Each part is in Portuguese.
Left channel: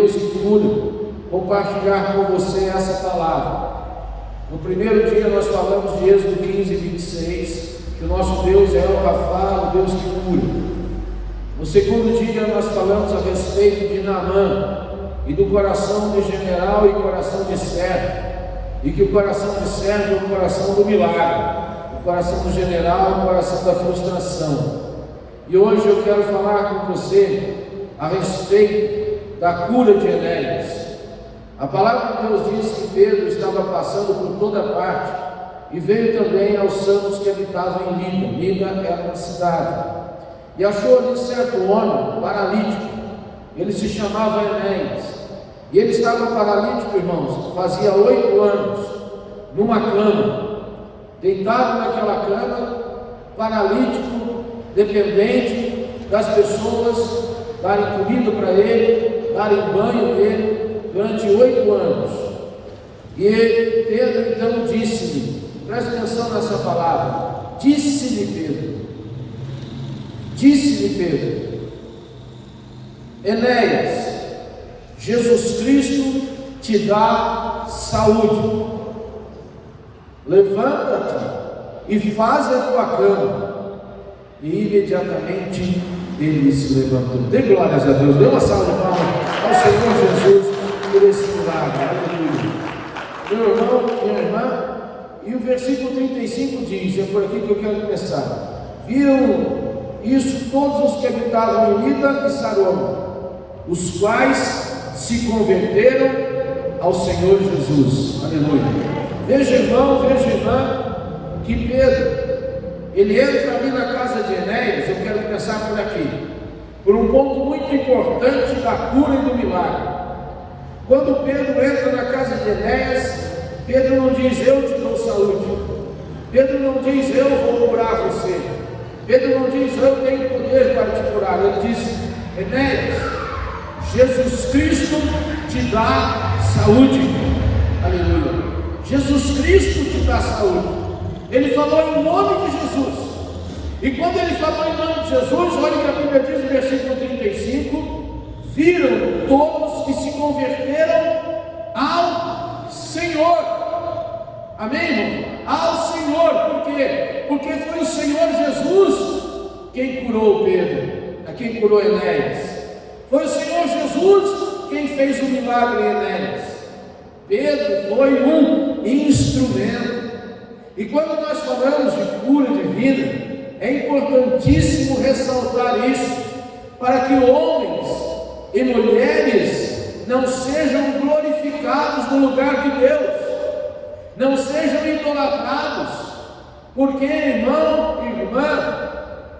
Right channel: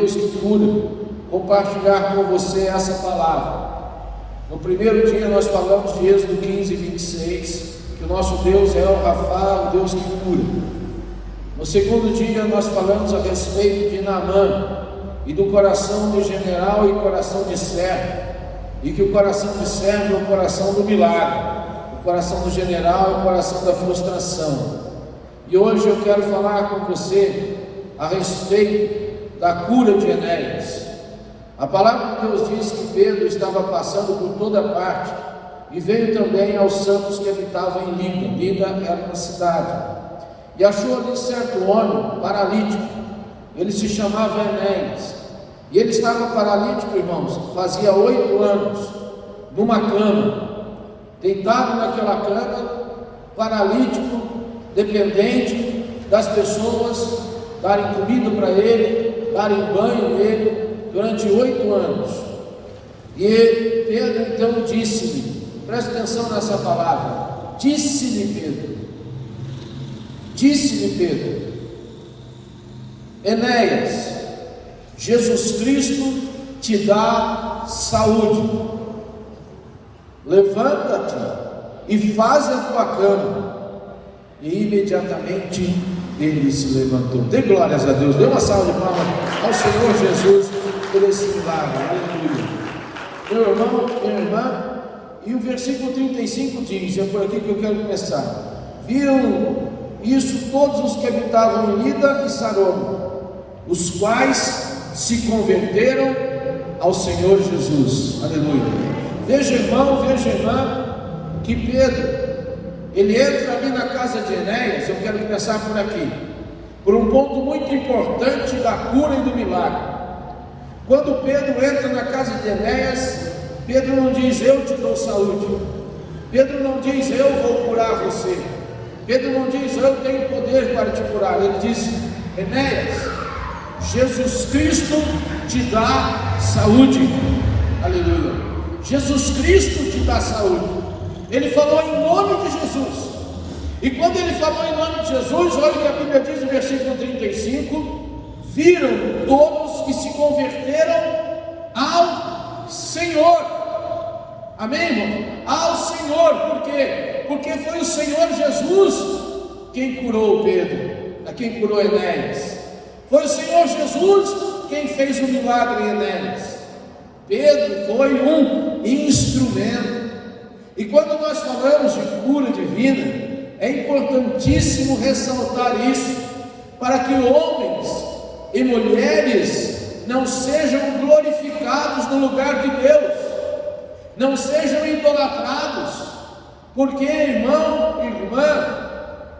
Deus que cura, compartilhar com você essa palavra. No primeiro dia nós falamos de Êxodo 15, 26, que o nosso Deus é o Rafa, o Deus que cura. No segundo dia nós falamos a respeito de Naamã e do coração de general e coração de servo, e que o coração de servo é o coração do milagre, o coração do general é o coração da frustração. E hoje eu quero falar com você a respeito da cura de Enéas. A palavra de Deus diz que Pedro estava passando por toda parte e veio também aos santos que habitavam em Lida. Lida era uma cidade. E achou ali certo homem paralítico. Ele se chamava Enéas. E ele estava paralítico, irmãos, fazia 8 anos, numa cama, deitado naquela cama, paralítico, dependente das pessoas darem comida para ele, darem banho nele, durante 8 anos. E Pedro então disse-lhe, presta atenção nessa palavra, disse-lhe Pedro, Enéas, Jesus Cristo te dá saúde, levanta-te e faz a tua cama. E imediatamente ele se levantou. Dê glórias a Deus, dê uma salva de palmas ao Senhor Jesus por esse milagre, aleluia. Meu irmão, minha irmã, e o versículo 35 diz, é por aqui que eu quero começar: viram isso todos os que habitavam em Lida e Sarona, os quais se converteram ao Senhor Jesus, aleluia. Veja, irmão, veja, irmã, que Pedro, ele entra ali na casa de Enéas. Eu quero começar por aqui, por um ponto muito importante da cura e do milagre. Quando Pedro entra na casa de Enéas, Pedro não diz, eu te dou saúde. Pedro não diz, eu vou curar você. Pedro não diz, eu tenho poder para te curar. Ele diz, Enéas, Jesus Cristo te dá saúde, aleluia. Jesus Cristo te dá saúde. Ele falou em nome de Jesus. E quando ele falou em nome de Jesus, olha o que a Bíblia diz no versículo 35: viram todos que se converteram ao Senhor. Amém, irmão? Ao Senhor. Por quê? Porque foi o Senhor Jesus quem curou Pedro, a quem curou Enéas. Foi o Senhor Jesus quem fez o milagre em Enéas. Pedro foi um instrumento. E quando nós falamos de cura divina, é importantíssimo ressaltar isso, para que homens e mulheres não sejam glorificados no lugar de Deus, não sejam idolatrados, porque, irmão e irmã,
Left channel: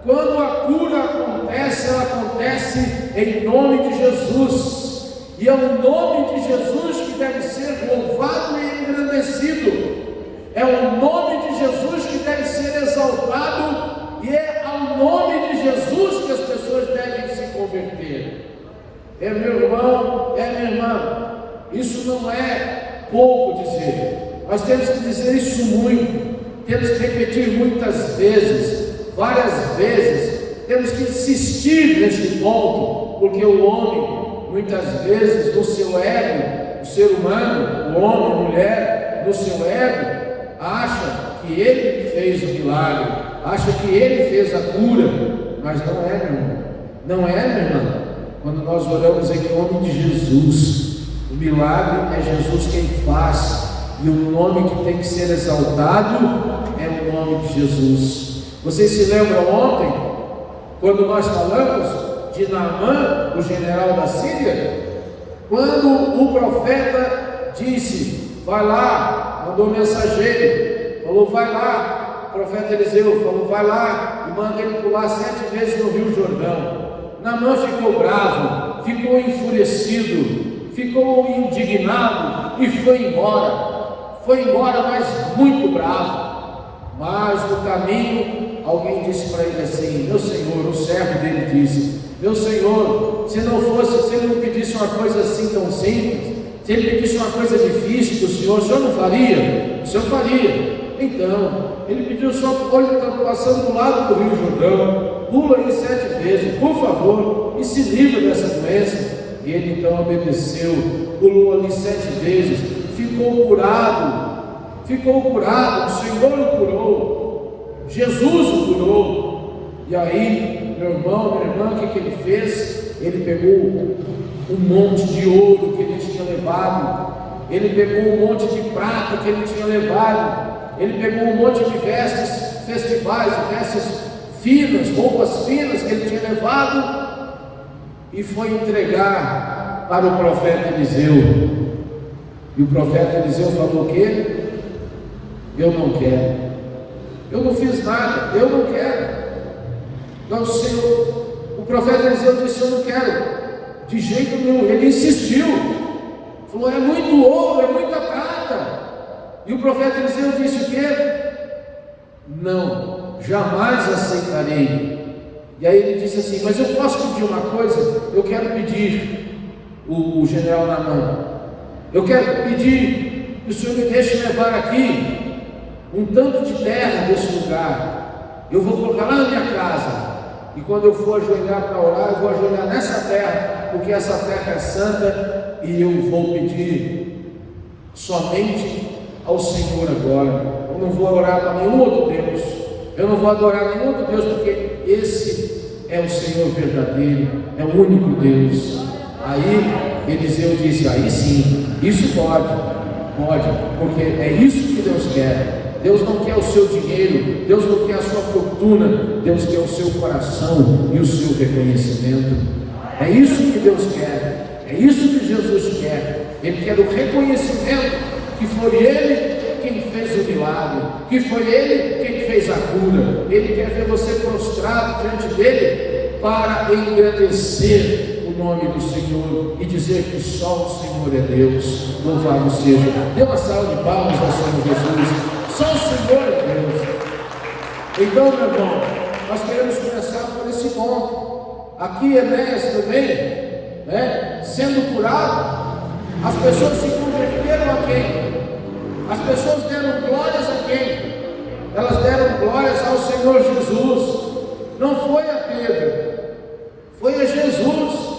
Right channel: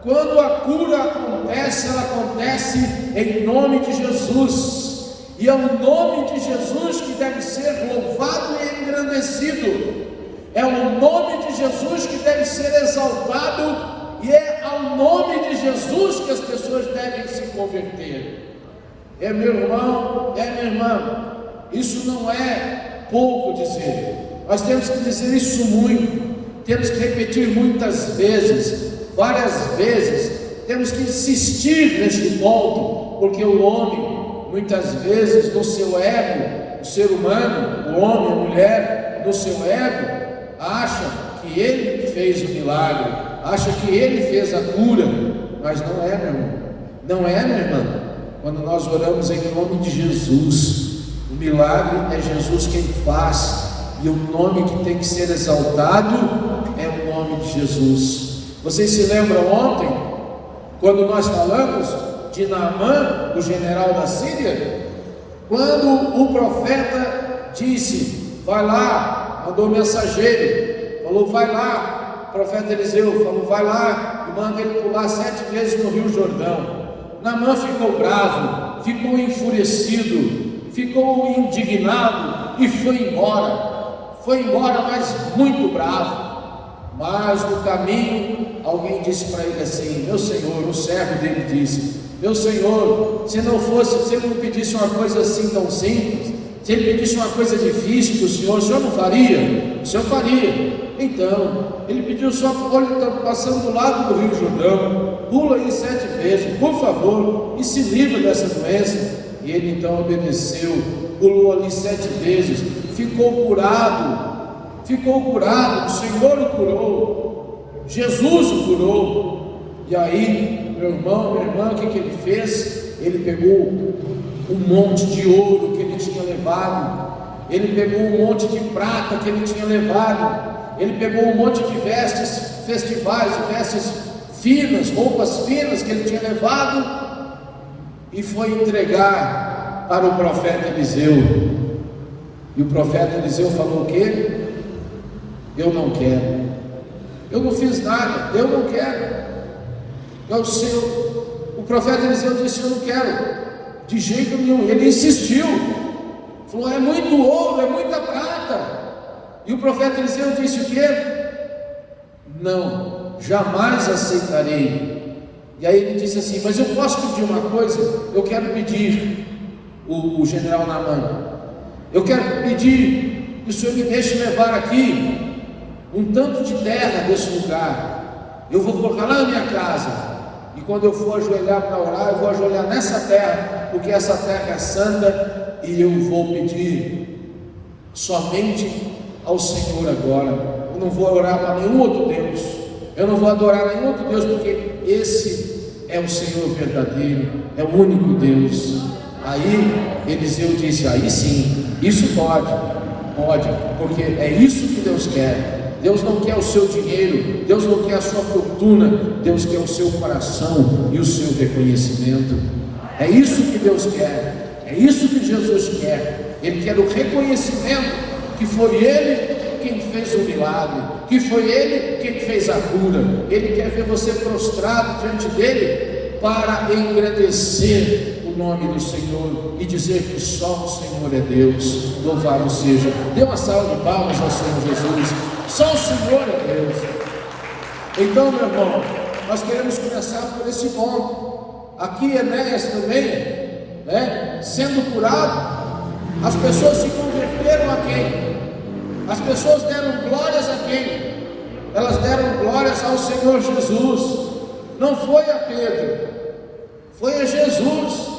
quando a cura acontece, ela acontece em nome de Jesus, e é o nome de Jesus que deve ser louvado e engrandecido. É o nome de Jesus que deve ser exaltado, e é ao nome de Jesus que as pessoas devem se converter. É, meu irmão, é, minha irmã, isso não é pouco dizer. Nós temos que dizer isso muito, temos que repetir muitas vezes, várias vezes, temos que insistir neste ponto, porque o homem, muitas vezes, no seu ego, o ser humano, o homem, a mulher, no seu ego, acha que ele fez o milagre, acha que ele fez a cura, mas não é, meu irmão. Não é, minha irmã. Quando nós oramos em nome de Jesus, o milagre é Jesus quem faz, e o nome que tem que ser exaltado é o nome de Jesus. Vocês se lembram ontem, quando nós falamos de Naamã, o general da Síria? Quando o profeta disse, vai lá, mandou mensageiro, falou, vai lá, o profeta Eliseu falou, vai lá e manda ele pular 7 vezes no Rio Jordão. Naamã ficou bravo, ficou enfurecido, ficou indignado e foi embora, mas muito bravo. Mas no caminho, alguém disse para ele assim, meu senhor, o servo dele disse, meu senhor, se ele não pedisse uma coisa assim tão simples, se ele pedisse uma coisa difícil do senhor, o senhor não faria? O senhor faria. Então, ele pediu só, olha, ele está passando do lado do Rio Jordão, pula aí 7 vezes, por favor, e se livra dessa doença. E E ele então obedeceu, pulou ali 7 vezes, ficou curado, o Senhor o curou, Jesus o curou. E aí, meu irmão, minha irmã, o que ele fez? Ele pegou um monte de ouro que ele tinha levado, ele pegou um monte de prata que ele tinha levado, ele pegou um monte de vestes festivais, vestes finas, roupas finas que ele tinha levado, e foi entregar para o profeta Eliseu. E o profeta Eliseu falou o quê? Eu não quero, eu não fiz nada, eu não quero. Então o profeta Eliseu disse: eu não quero, de jeito nenhum. Ele insistiu, falou: é muito ouro, é muita prata. E o profeta Eliseu disse o quê? Não, jamais aceitarei. E aí ele disse assim: mas eu posso pedir uma coisa? Eu quero pedir, o general Naamã, eu quero pedir que o senhor me deixe levar aqui um tanto de terra desse lugar. Eu vou colocar lá na minha casa, e quando eu for ajoelhar para orar, eu vou ajoelhar nessa terra, porque essa terra é santa, e eu vou pedir somente ao Senhor agora. Eu não vou orar para nenhum outro Deus, eu não vou adorar nenhum outro Deus, porque esse é o Senhor verdadeiro, é o único Deus. Aí Eliseu disse: aí sim, isso pode, porque é isso que Deus quer. Deus não quer o seu dinheiro, Deus não quer a sua fortuna, Deus quer o seu coração e o seu reconhecimento. É isso que Deus quer, é isso que Jesus quer. Ele quer o reconhecimento que foi Ele quem fez o milagre, que foi Ele quem fez a cura. Ele quer ver você prostrado diante dEle para engrandecer o nome do Senhor e dizer que só o Senhor é Deus. Louvado seja. Dê uma salva de palmas ao Senhor Jesus. Só o Senhor é Deus. Então, meu irmão, nós queremos começar por esse ponto. Aqui Enéas também, sendo curado, as pessoas se converteram a quem? As pessoas deram glórias a quem? Elas deram glórias ao Senhor Jesus. Não foi a Pedro, foi a Jesus.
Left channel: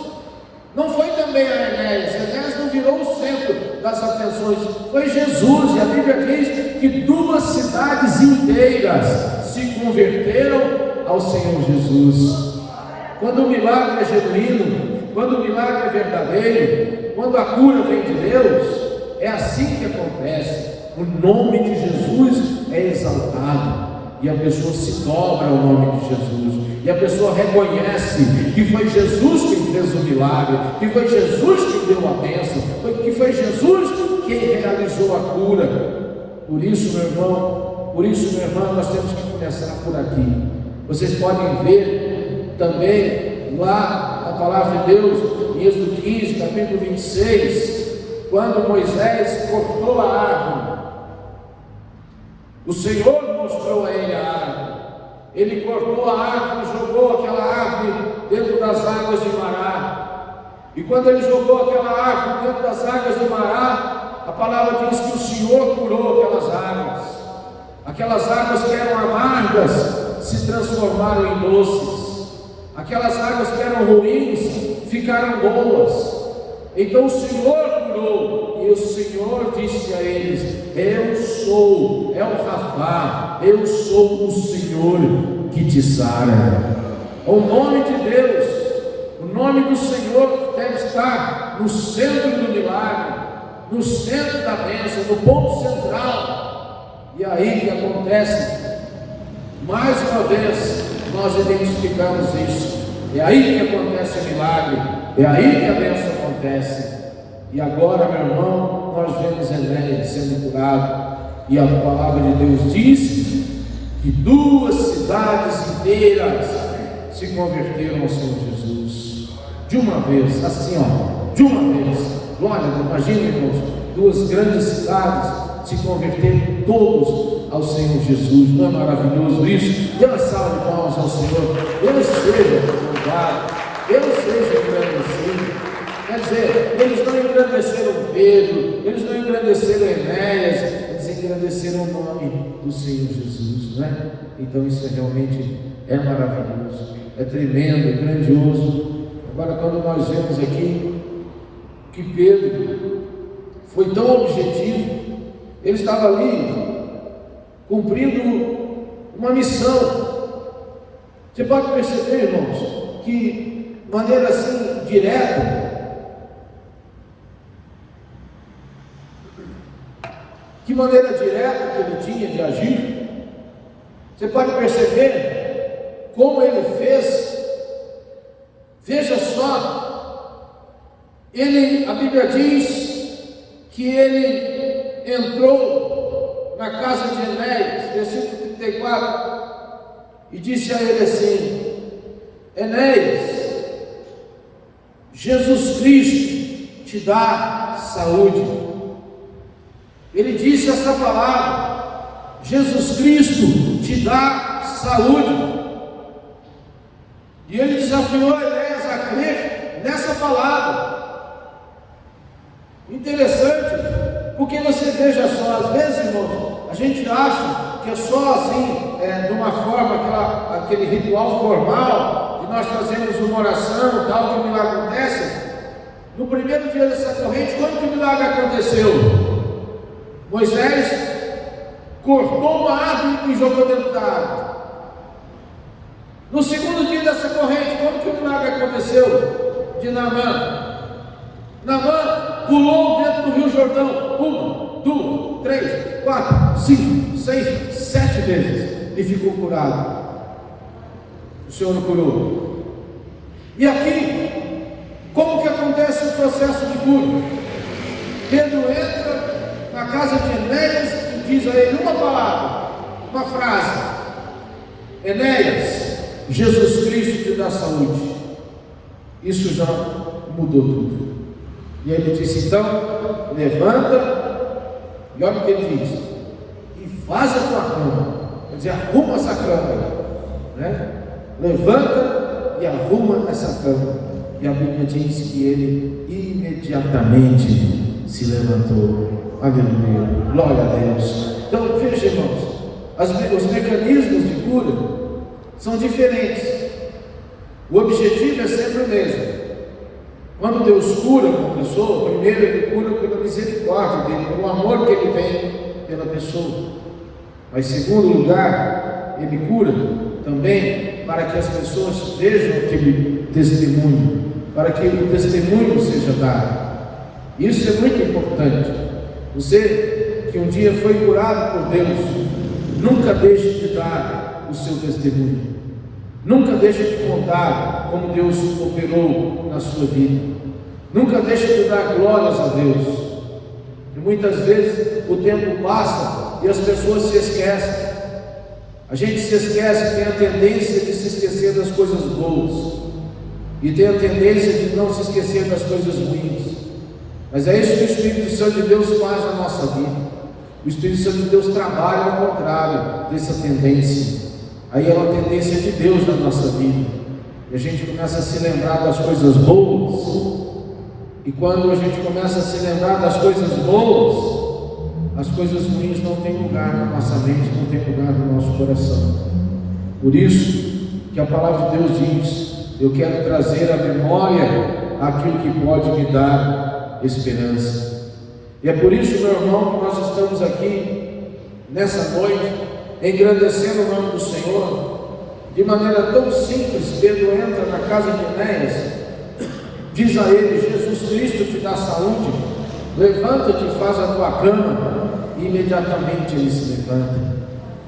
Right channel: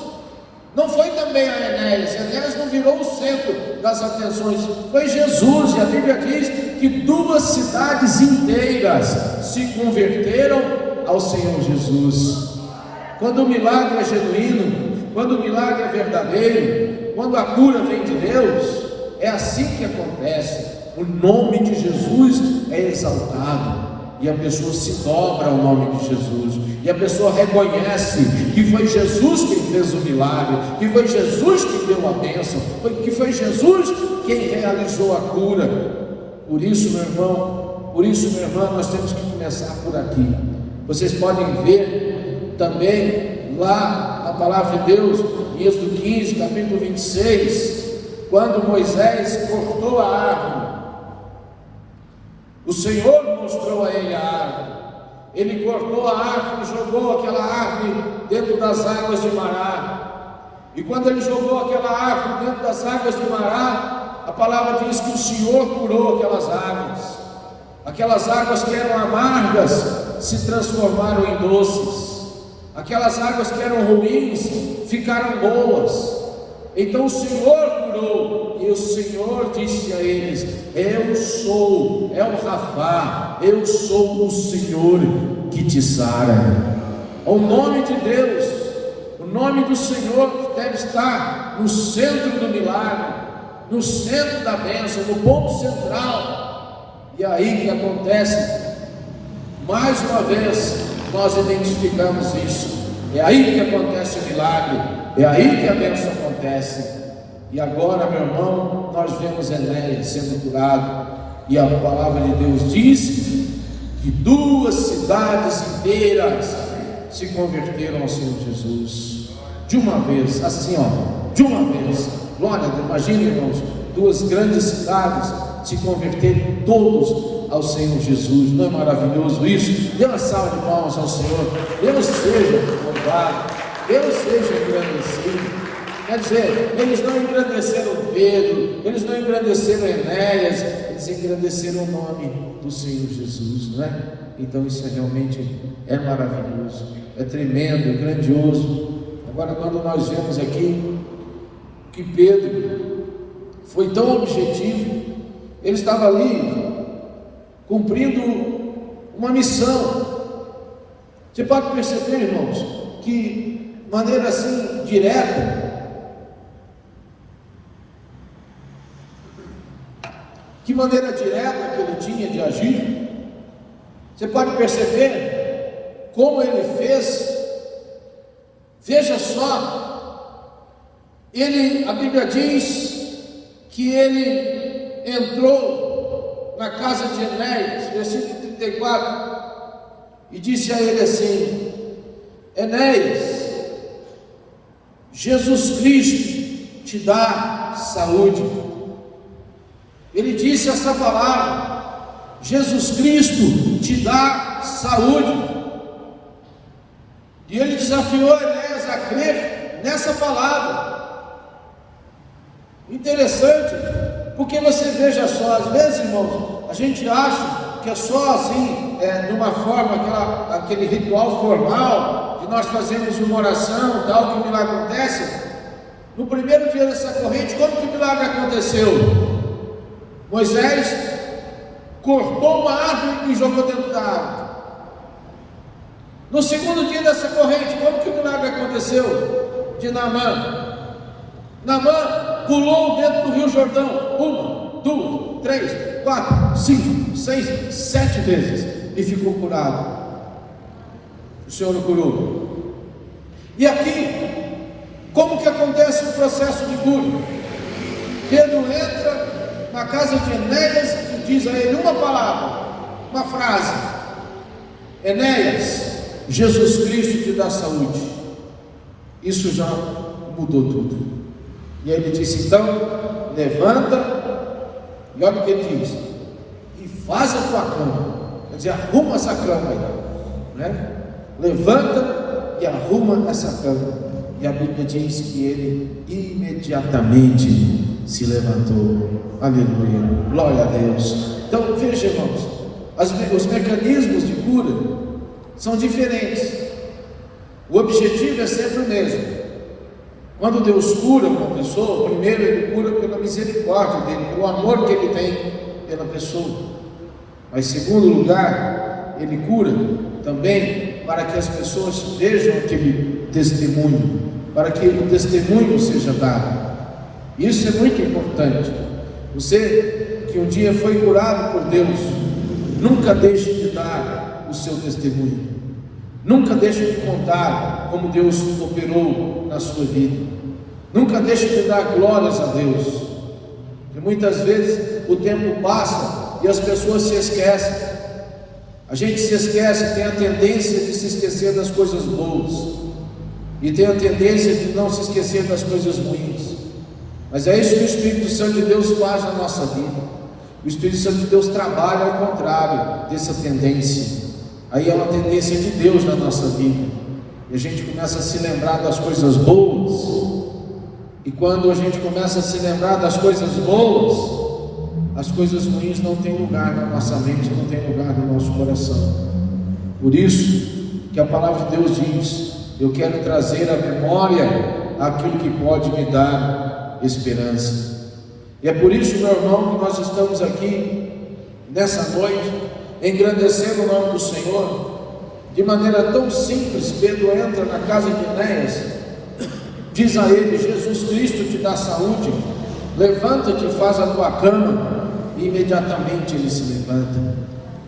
Não foi também a Enéas. Enéas não virou o centro das atenções, foi Jesus. E a Bíblia diz que 2 cidades inteiras se converteram ao Senhor Jesus. Quando o milagre é genuíno, quando o milagre é verdadeiro, quando a cura vem de Deus, é assim que acontece. O nome de Jesus é exaltado, e a pessoa se dobra ao nome de Jesus, e a pessoa reconhece que foi Jesus quem fez o milagre, que foi Jesus quem deu a bênção, que foi Jesus quem realizou a cura. Por isso, meu irmão, minha irmã, nós temos que começar por aqui. Vocês podem ver também lá na palavra de Deus, em Êxodo 15, capítulo 26, quando Moisés cortou a árvore. O Senhor mostrou a ele a árvore. Ele cortou a árvore e jogou aquela árvore dentro das águas de Mará. E quando ele jogou aquela árvore dentro das águas de Mará, a palavra diz que o Senhor curou aquelas águas. Aquelas águas que eram amargas se transformaram em doces. Aquelas águas que eram ruins ficaram boas. Então o Senhor curou, e o Senhor disse a eles: eu sou, é o Rafá, eu sou o Senhor que te sara. O nome de Deus, o nome do Senhor deve estar no centro do milagre, no centro da bênção, no ponto central. E aí que acontece, mais uma vez, nós identificamos isso. É aí que acontece o milagre, é aí que a bênção acontece. E agora, meu irmão, nós vemos Enéas sendo curado, e a palavra de Deus diz que 2 cidades inteiras se converteram ao Senhor Jesus, de uma vez, assim de uma vez. Glória a Deus. Imagina, irmãos, 2 grandes cidades se converterem todos ao Senhor Jesus. Não é maravilhoso isso? Dê uma salva de palmas ao Senhor. Deus seja louvado, Deus seja agradecido. Quer dizer, eles não engrandeceram Pedro, eles não engrandeceram Enéas, eles engrandeceram o nome do Senhor Jesus, não é? Então isso realmente é maravilhoso, é tremendo, é grandioso. Agora, quando nós vemos aqui que Pedro foi tão objetivo. Ele estava ali cumprindo uma missão. Você pode perceber, irmãos, que de maneira assim direta, que maneira direta que ele tinha de agir. Você pode perceber como ele fez. Veja só, a Bíblia diz que ele entrou na casa de Enéas, versículo 34, e disse a ele assim: Enéas, Jesus Cristo te dá saúde. Ele disse essa palavra: Jesus Cristo te dá saúde. E ele desafiou Enéas a crer nessa palavra. Interessante, porque você veja só, às vezes, irmãos, a gente acha que é só assim, de uma forma, aquele ritual formal, de nós fazermos uma oração, tal, que o milagre acontece. No primeiro dia dessa corrente, como que o milagre aconteceu? Moisés cortou uma árvore e jogou dentro da árvore. No segundo dia dessa corrente, como que o milagre aconteceu? De Naamã. Naamã pulou dentro do Rio Jordão 1, 2, 3, 4, 5, 6, 7 vezes e ficou curado. O Senhor o curou. E aqui, como que acontece o processo de cura? Pedro entra na casa de Enéas e diz a ele uma palavra, uma frase: Enéas, Jesus Cristo te dá saúde. Isso já mudou tudo. E ele disse: então, levanta, e olha o que ele diz: e faz a tua cama. Quer dizer, arruma essa cama aí, né? Levanta e arruma essa cama. E a Bíblia diz que ele imediatamente se levantou. Aleluia, glória a Deus. Então, veja, irmãos, os mecanismos de cura são diferentes. O objetivo é sempre o mesmo. Quando Deus cura uma pessoa, primeiro Ele cura pela misericórdia dEle, pelo amor que Ele tem pela pessoa. Mas em segundo lugar, Ele cura também para que as pessoas vejam aquele testemunho, para que o testemunho seja dado. Isso é muito importante. Você que um dia foi curado por Deus, nunca deixe de dar o seu testemunho. Nunca deixe de contar como Deus operou na sua vida. Nunca deixe de dar glórias a Deus. E muitas vezes o tempo passa e as pessoas se esquecem. A gente se esquece, tem a tendência de se esquecer das coisas boas e tem a tendência de não se esquecer das coisas ruins. Mas é isso que o Espírito Santo de Deus faz na nossa vida. O Espírito Santo de Deus trabalha ao contrário dessa tendência. Aí é uma tendência de Deus na nossa vida. E a gente começa a se lembrar das coisas boas. E quando a gente começa a se lembrar das coisas boas, as coisas ruins não têm lugar na nossa mente, não têm lugar no nosso coração. Por isso que a palavra de Deus diz: eu quero trazer à memória aquilo que pode me dar esperança. E é por isso, meu irmão, que nós estamos aqui nessa noite, engrandecendo o nome do Senhor. De maneira tão simples, Pedro entra na casa de Enéas, diz a ele: Jesus Cristo te dá saúde, levanta-te e faz a tua cama. E imediatamente ele se levanta.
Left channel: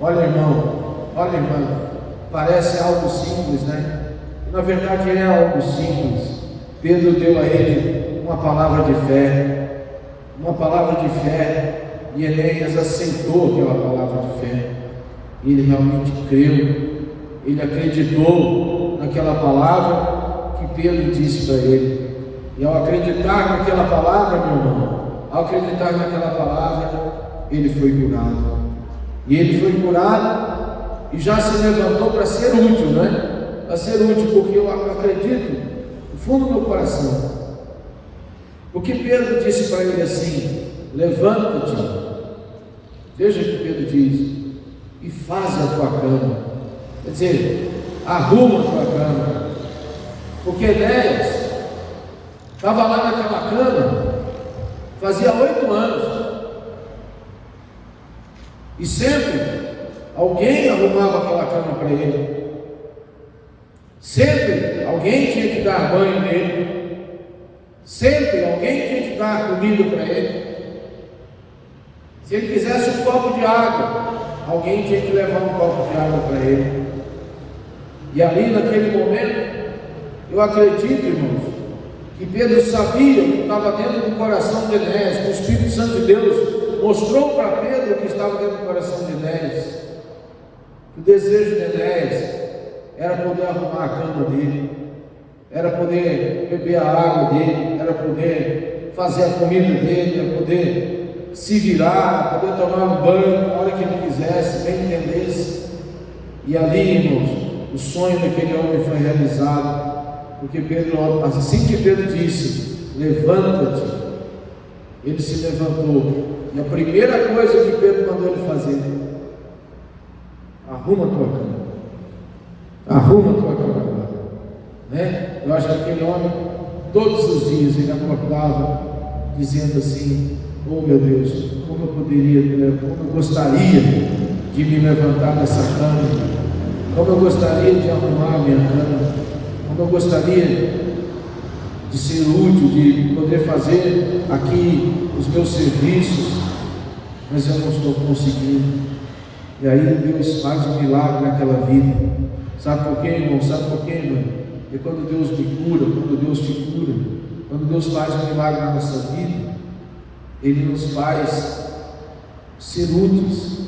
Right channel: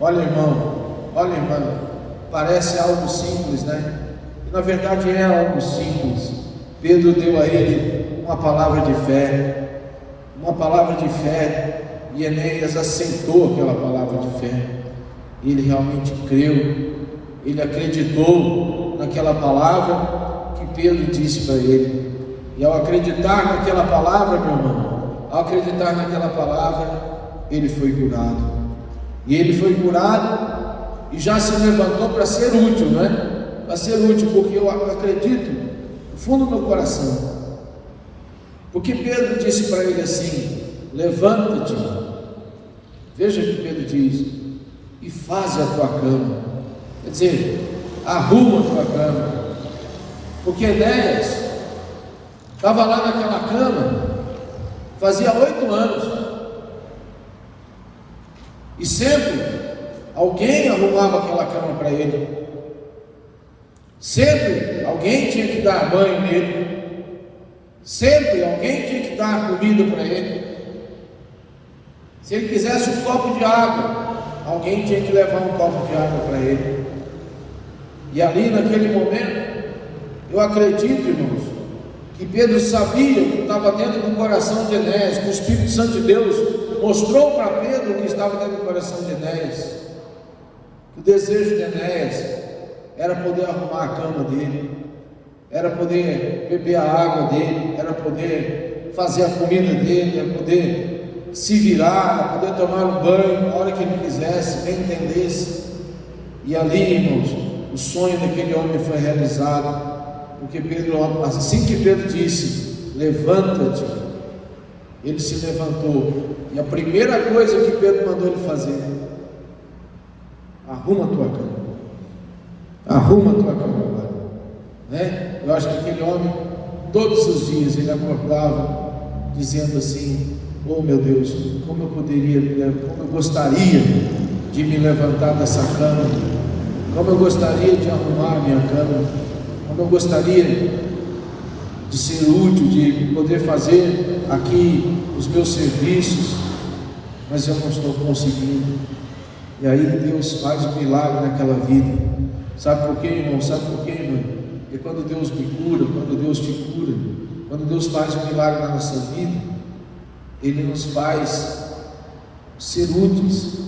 Olha, irmão, parece algo simples, né? Na verdade é algo simples. Pedro deu a ele uma palavra de fé, e Enéas aceitou aquela palavra de fé. Ele realmente creu, ele acreditou naquela palavra que Pedro disse para ele. E ao acreditar naquela palavra, meu irmão, ele foi curado. E ele foi curado e já se levantou para ser útil, né? Para ser útil, porque eu acredito no fundo do meu coração. Porque Pedro disse para ele assim: levanta-te. Veja o que Pedro diz: e faz a tua cama. Quer dizer, arruma a tua cama. Porque Enéas estava lá naquela cama, fazia 8 anos, e sempre alguém arrumava aquela cama para ele, sempre alguém tinha que dar banho nele, sempre alguém tinha que dar comida para ele. Se ele quisesse um copo de água, alguém tinha que levar um copo de água para ele. E ali naquele momento, eu acredito, irmãos, que Pedro sabia o que estava dentro do coração de Enéas, que o Espírito Santo de Deus mostrou para Pedro o que estava dentro do coração de Enéas. O desejo de Enéas era poder arrumar a cama dele, era poder beber a água dele, era poder fazer a comida dele, era poder se virar, era poder tomar um banho na hora que ele quisesse, bem entendesse. E ali, irmãos, o sonho daquele homem foi realizado, porque Pedro, assim que Pedro disse, levanta-te, ele se levantou, e a primeira coisa que Pedro mandou ele fazer: arruma a tua cama, arruma a tua cama, né? Eu acho que aquele homem, todos os dias, ele acordava dizendo assim: oh meu Deus, como eu gostaria de me levantar dessa cama, como eu gostaria de arrumar a minha cama, como eu gostaria de ser útil, de poder fazer aqui os meus serviços, mas eu não estou conseguindo. E aí Deus faz um milagre naquela vida. Sabe por quê, irmão? Sabe por quê, irmão? É quando Deus me cura, quando Deus te cura, quando Deus faz um milagre na nossa vida, Ele nos faz ser úteis,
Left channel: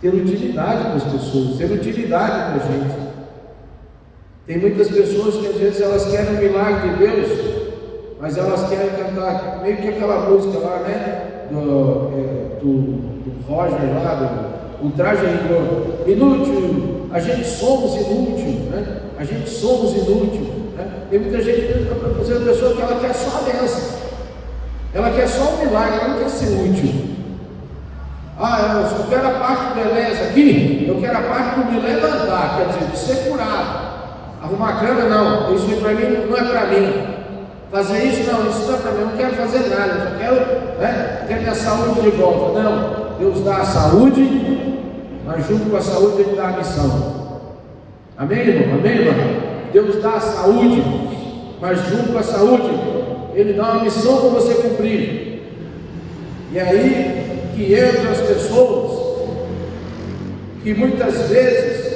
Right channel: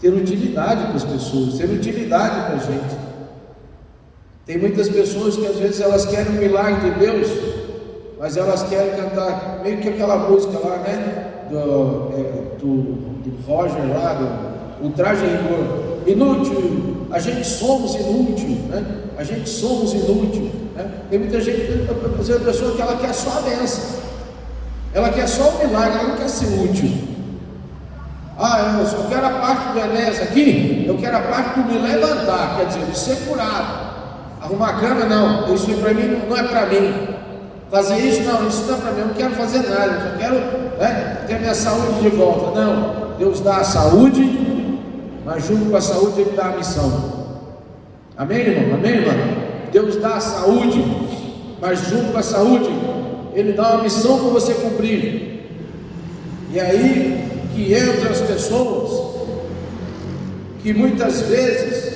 ter utilidade para as pessoas, ter utilidade para a gente. Tem muitas pessoas que às vezes elas querem um milagre de Deus, mas elas querem cantar meio que aquela música lá, né? Do Roger lá, o traje é inútil, a gente somos inútil, né? A gente somos inútil, né? Tem muita gente que fazer uma pessoa que ela quer só a bênção, ela quer só o milagre, ela não quer ser útil. Eu quero a parte do Enéas aqui, eu quero a parte de me levantar, quer dizer, de ser curado. Arrumar a cama, não, isso para mim não é para mim. Fazer isso, não, isso não é para mim, eu não quero fazer nada, eu quero ter minha saúde de volta. Não, Deus dá a saúde, mas junto com a saúde Ele dá a missão. Amém, irmão? Amém, irmão? Deus dá a saúde, mas junto com a saúde Ele dá uma missão para você cumprir. E aí que entram as pessoas que muitas vezes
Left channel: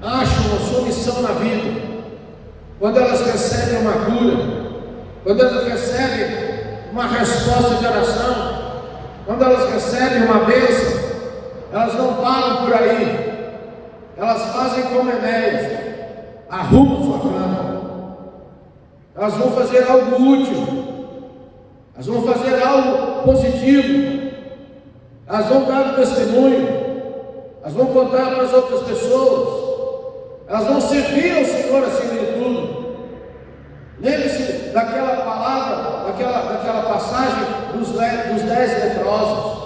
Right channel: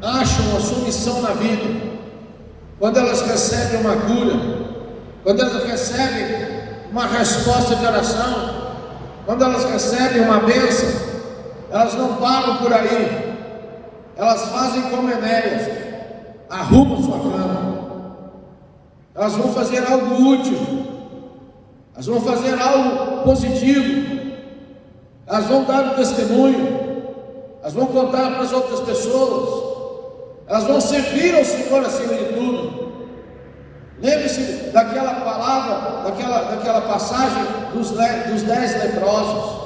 acham a sua missão na vida, quando elas recebem uma cura, quando elas recebem uma resposta de oração, quando elas recebem uma bênção, elas não param por aí, elas fazem como Enéas, arrumam sua cama, elas vão fazer algo útil, elas vão fazer algo positivo, elas vão dar um testemunho, elas vão contar para as outras pessoas, elas vão servir ao Senhor acima de tudo. Lembre-se daquela palavra, daquela passagem dos 10 leprosos.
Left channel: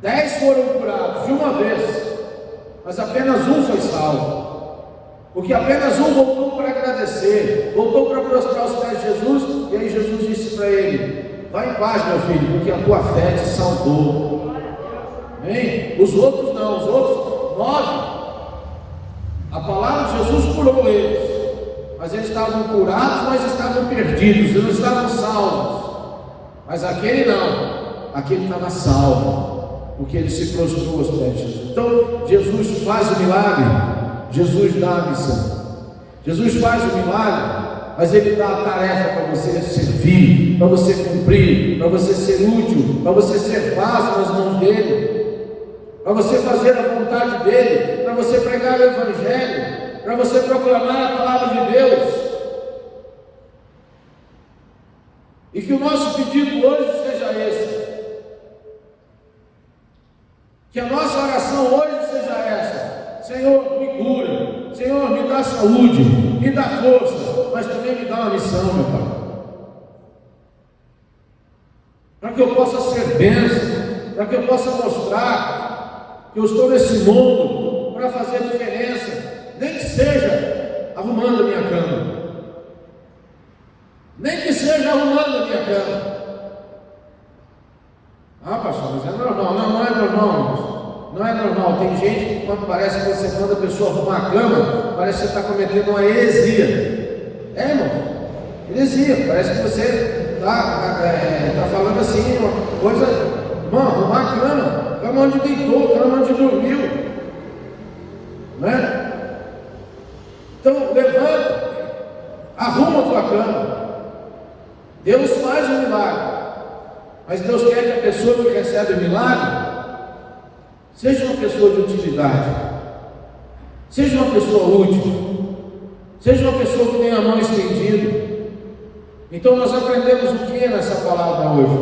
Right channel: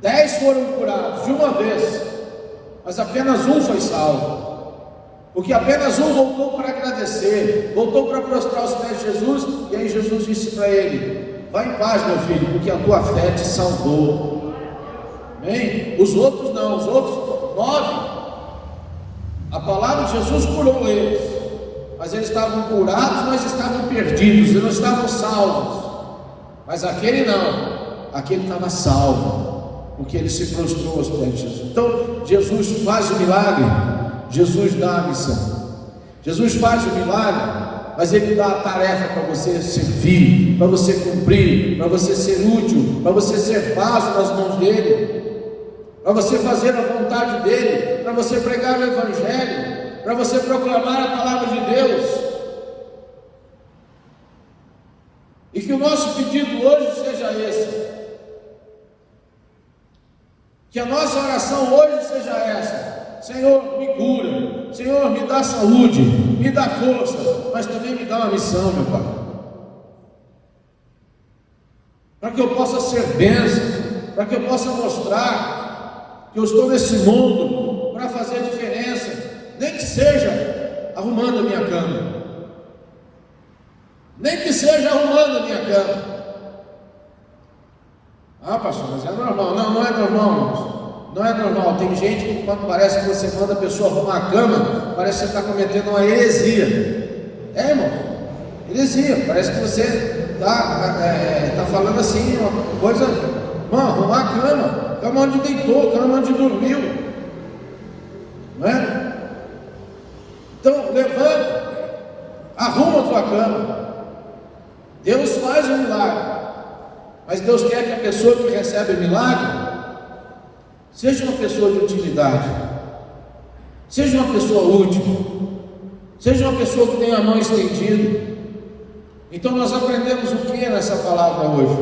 10 foram curados de uma vez, mas apenas um foi salvo, porque apenas um voltou para agradecer, voltou para prostrar os pés de Jesus. E aí Jesus disse para ele: vai em paz, meu filho, porque a tua fé te salvou. Amém? Os outros não, os outros 9, a palavra de Jesus curou eles, mas eles estavam curados, mas estavam perdidos, eles não estavam salvos. Mas aquele não, aquele estava salvo, porque ele se prostrou aos pés de Jesus. Então Jesus faz o milagre, Jesus dá a missão, Jesus faz o milagre, mas Ele dá a tarefa para você servir, para você cumprir, para você ser útil, para você ser vaso nas mãos dEle, para você fazer a vontade dEle, para você pregar o Evangelho, para você proclamar a palavra de Deus. E que o nosso pedido hoje seja esse, que a nossa oração hoje seja essa: Senhor, me cura, Senhor, me dá saúde, me dá força, mas também me dá uma missão, meu Pai, para que eu possa ser bênção, para que eu possa mostrar que eu estou nesse mundo para fazer a diferença, nem que seja arrumando a minha cama, Nem que seja arrumando a minha cama. Ah, pastor, mas é normal. Não, não é normal. Não é normal. Tem gente que, quando parece que você manda a pessoa arrumar a cama, parece que você está cometendo uma heresia. É, irmão, heresia. Parece que você está falando assim, uma coisa. Irmão, arrumar a cama onde deitou, cama onde dormiu. Não é? Então, levanta, arruma a tua cama. Deus faz um milagre. Mas Deus quer que a pessoa que recebe o milagre seja uma pessoa de utilidade, seja uma pessoa útil, seja uma pessoa que tenha a mão estendida. Então nós aprendemos o que nessa palavra hoje?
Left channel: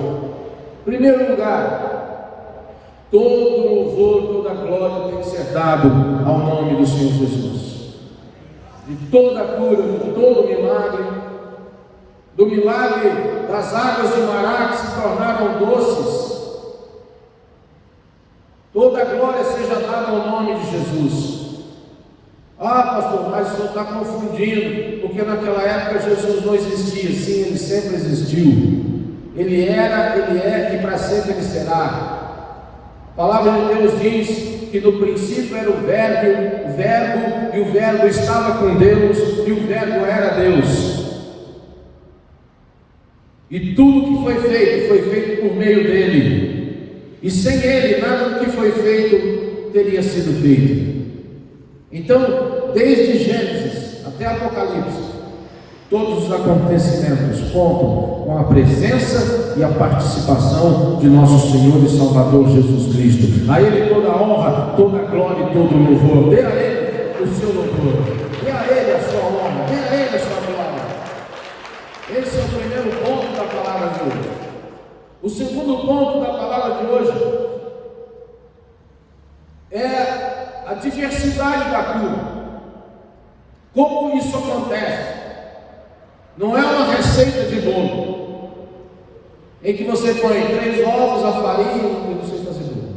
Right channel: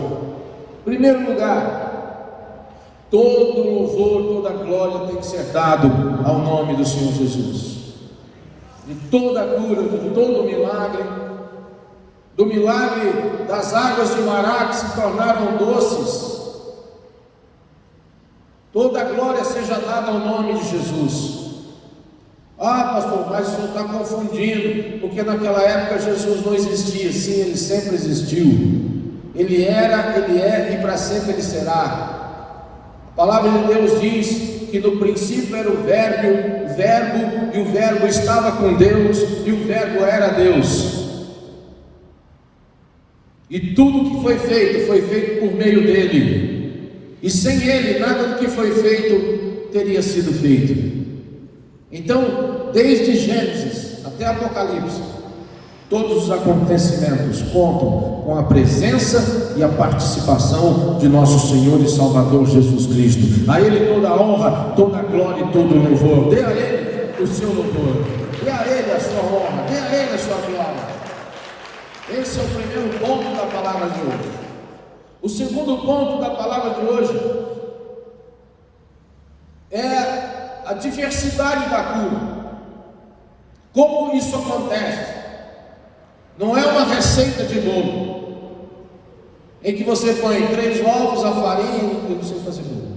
Em primeiro lugar, todo louvor, toda glória tem que ser dado ao nome do Senhor Jesus. De toda cura, de todo milagre, do milagre das águas de Mará que se tornaram doces, toda a glória seja dada ao nome de Jesus. Ah, pastor, mas o senhor está confundindo, porque naquela época Jesus não existia. Sim, ele sempre existiu. Ele era, ele é e para sempre ele será. A palavra de Deus diz que no princípio era o verbo, e o verbo estava com Deus, e o verbo era Deus. E tudo que foi feito por meio dele. E sem ele, nada do que foi feito teria sido feito. Então, desde Gênesis até Apocalipse, todos os acontecimentos contam com a presença e a participação de nosso Senhor e Salvador Jesus Cristo. A Ele toda a honra, toda a glória e todo o louvor. Dê a Ele o seu louvor, dê a Ele a sua honra, dê a Ele a sua glória. Esse é o primeiro ponto da palavra de hoje. O segundo ponto da palavra de hoje é a diversidade da cura. Como isso acontece? Não é uma receita de bolo em que você põe 3 ovos, a farinha, eu não sei fazer bolo,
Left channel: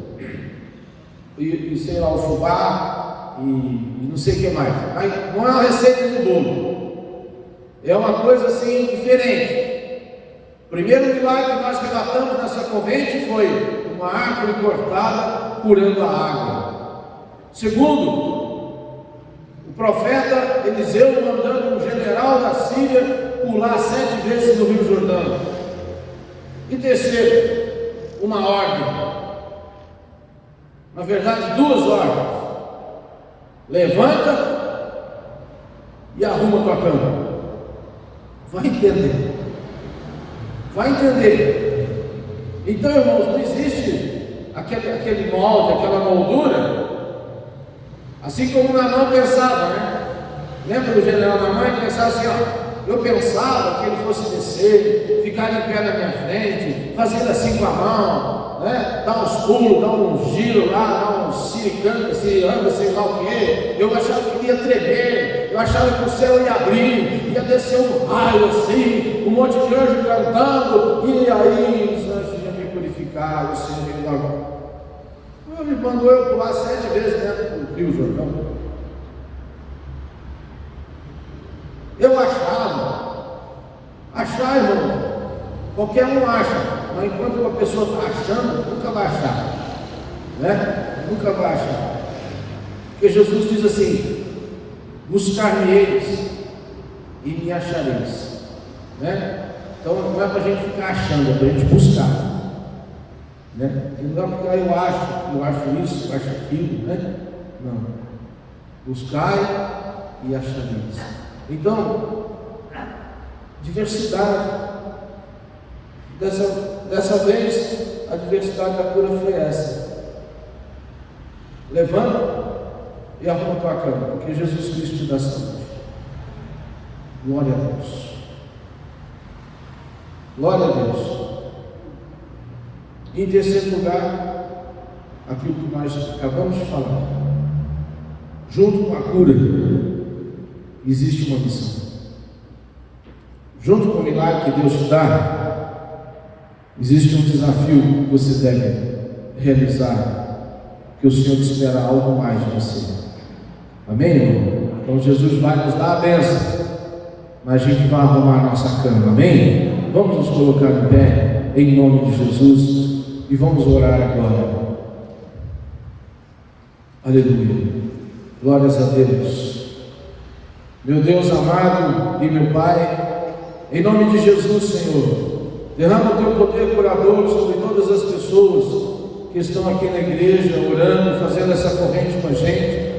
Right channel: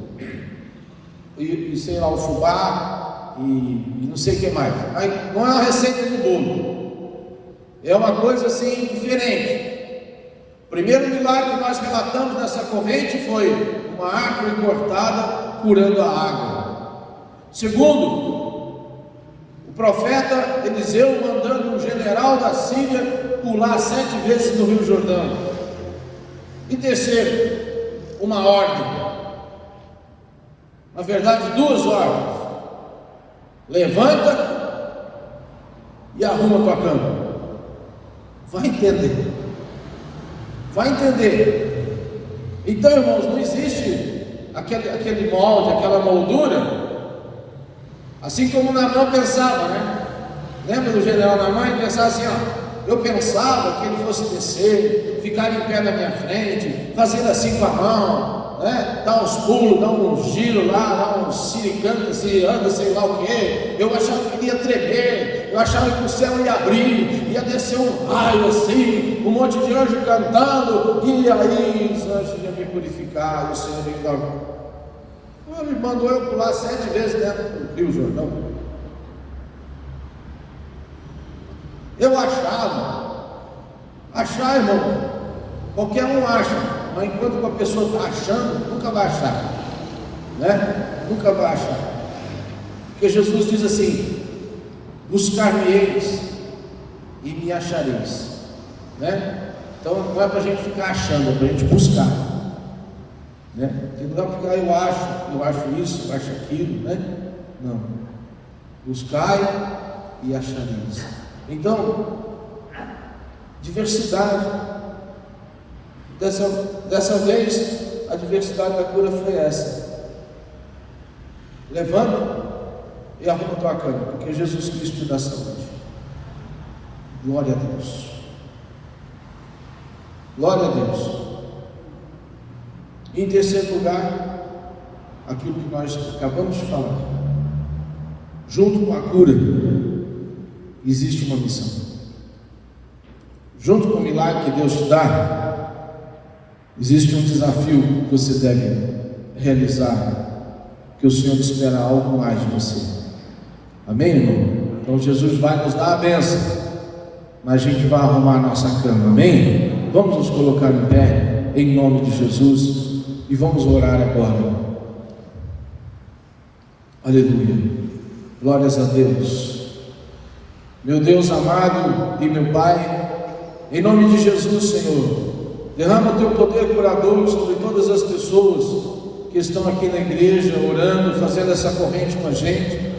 e sei lá, o fubá e não sei o que mais. Não é uma receita de bolo. É uma coisa assim diferente. O primeiro milagre que nós relatamos nessa corrente foi uma árvore cortada curando a água. Segundo, o profeta Eliseu mandando um general da Síria pular 7 vezes no Rio Jordão. E terceiro, uma ordem. Na verdade, 2 ordens. Levanta e arruma tua cama. Vai entender. Vai entender. Então, irmãos, não existe aquele molde, aquela moldura. Assim como Naamã pensava, né? Lembra do general Naamã? Ele pensava assim, ó. Eu pensava que ele fosse descer, ficar em pé na minha frente, fazendo assim com a mão, né? Dar uns pulos, dar uns giros lá, dar uns siricantes, anda, sei lá o quê. Eu achava que ele ia tremer, eu achava que o céu ia abrir, ia descer um raio assim, um monte de anjo cantando, e aí os anjos iam me purificar, e o Senhor me dar. Ele mandou eu pular 7 vezes dentro do Rio Jordão. Eu achar, irmão, qualquer um acha, mas enquanto uma pessoa está achando, nunca vai achar, né? Nunca vai achar, porque Jesus diz assim: buscar-me-eis e me achareis, né? Então não é para a gente ficar achando, é para a gente buscar, né? Não dá para ficar, eu acho isso, eu acho aquilo, né? Não, buscai e achareis. Então, diversidade. Dessa vez, a diversidade da cura foi essa. Levanta e arruma tua cama, porque Jesus Cristo te dá saúde. Glória a Deus. Glória a Deus. E em terceiro lugar, aquilo que nós acabamos de falar. Junto com a cura, existe uma missão. Junto com o milagre que Deus te dá, existe um desafio que você deve realizar, que o Senhor espera algo mais de você. Amém, irmão? Então Jesus vai nos dar a bênção, mas a gente vai arrumar a nossa cama, amém? Vamos nos colocar em pé, em nome de Jesus, e vamos orar agora. Aleluia, glórias a Deus. Meu Deus amado e meu Pai, em nome de Jesus, Senhor, derrama o Teu poder curador sobre todas as pessoas que estão aqui na igreja, orando, fazendo essa corrente com a gente,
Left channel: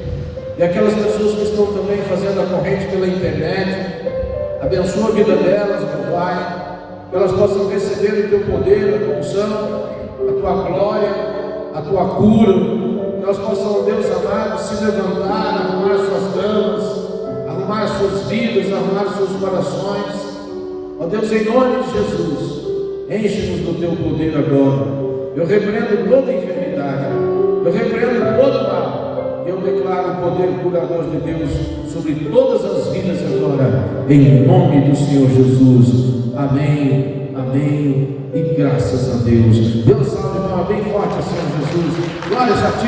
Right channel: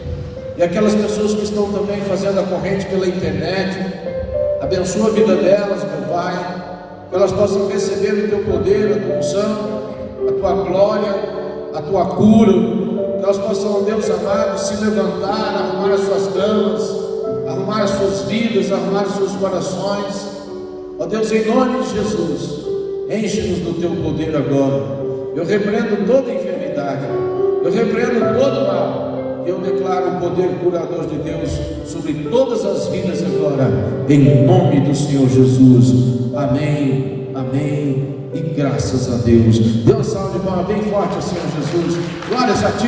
e aquelas pessoas que estão também fazendo a corrente pela internet. Abençoa a vida delas, meu Pai, que elas possam receber o Teu poder, a Tua unção, a Tua glória, a Tua cura, que elas possam, Deus amado, se levantar, arrumar as suas camas, arrumar as suas vidas, arrumar os seus corações. Ó Deus, em nome de Jesus, enche-nos do Teu poder agora. Eu repreendo toda enfermidade, eu repreendo todo mal. Eu declaro o poder curador de Deus sobre todas as vidas agora, em nome do Senhor Jesus. Amém, amém e graças a Deus. Dê uma salva de palmas bem forte ao Senhor Jesus. Glórias a Ti.